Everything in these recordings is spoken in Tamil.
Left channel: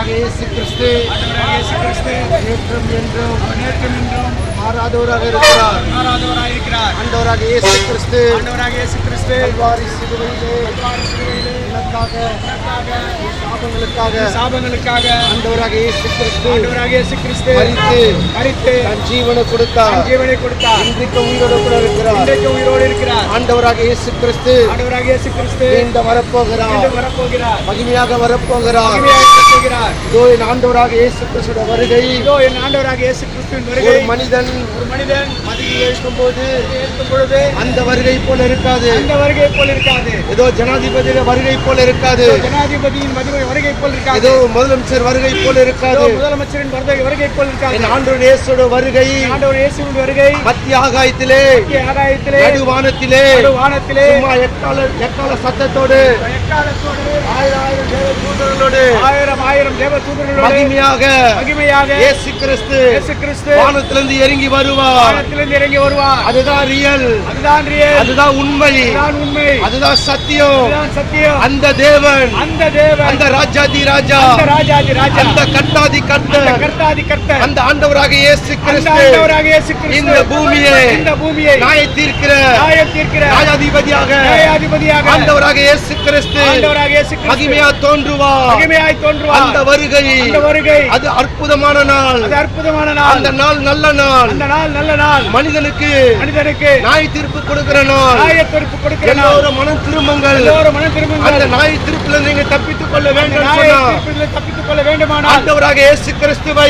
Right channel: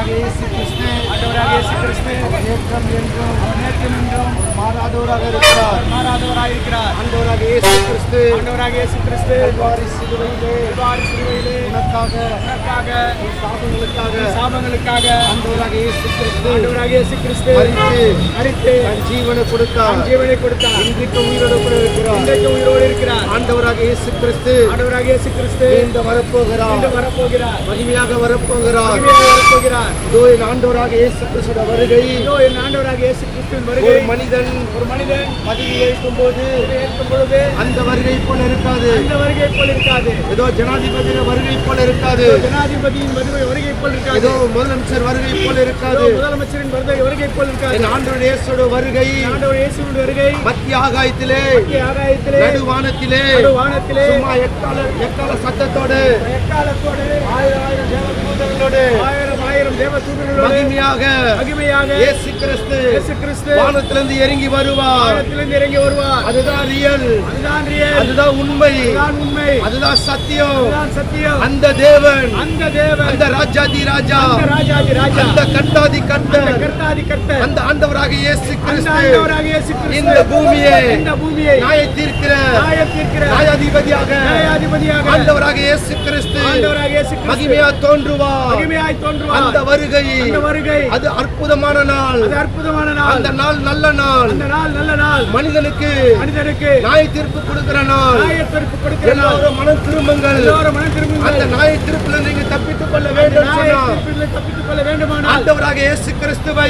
ஆண்டவராகிய இயேசு கிறிஸ்து நேற்றும் என்றும் மாறாதவராக இருக்கிறார். ஆண்டவராகிய இயேசு கிறிஸ்து கல்வாரி சிலுவையிலே உனக்காக சாபங்களுக்காக ஆண்டவராகிய இயேசு கிறிஸ்து மரித்து தன் ஜீவனை கொடுத்தார். இன்றைக்கு உயிரோடு இருக்கிறார். ஆண்டவராகிய இயேசு கிறிஸ்து இந்த வரப்போகிறார். மகிமையாக வரப்போகிறார். இதோ என் ஆண்டவராகிய இயேசு கிறிஸ்துவின் வருகை. ஒரு மனிதன் மதியில் இருக்கும்போது அந்த வருகை போல இருக்காது. ஏதோ ஜனாதிபதியின் வருகை போல இருக்காது. ஏதோ முதலமைச்சர் வருகை போல இருக்காது. என் ஆண்டவர் இயேசுவின் வருகை மத்திய ஆகாயத்திலே நடுவானத்திலே சும்மா எக்கால சத்தத்தோடு ஆயிரம் தேவதூதர்களோடு மகிமையாக இயேசு கிறிஸ்து வானத்திலிருந்து இறங்கி வருவார். அதுதான் ரியல், அதுதான் உண்மை, அதுதான் சத்தியம். அந்த தேவன், அந்த ராஜாதி ராஜா, அந்த கர்த்தாதி கர்த்தர், அந்த ஆண்டவராகிய இயேசு கிறிஸ்து இந்த பூமியை நியாய தீர்க்கிற நியாயாதிபதியாக ஆண்டவராகிய இயேசு கிறிஸ்து மகிமையாய் தோன்றுவார். அந்த வருகை அது அற்புதமான நாள். அந்த நாள் நல்ல நாள். மனிதனுக்கு நியாய தீர்ப்பு கொடுக்கிற நாள். எல்லாரும் மனம் திரும்புங்கள். அந்த நியாய தீர்ப்பில் நீங்க தப்பித்துக் கொள்ள வேண்டும். ஆண்டவராகிய இயேசு கிறிஸ்துவை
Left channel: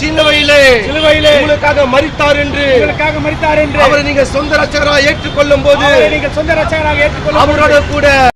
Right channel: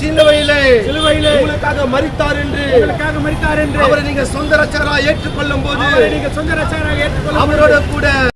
சிலுவையிலே உங்களுக்காக மரித்தார் என்று அவரை நீங்க சொந்த ரட்சகராக ஏற்றுக்கொள்ளும் போது அவரோட கூட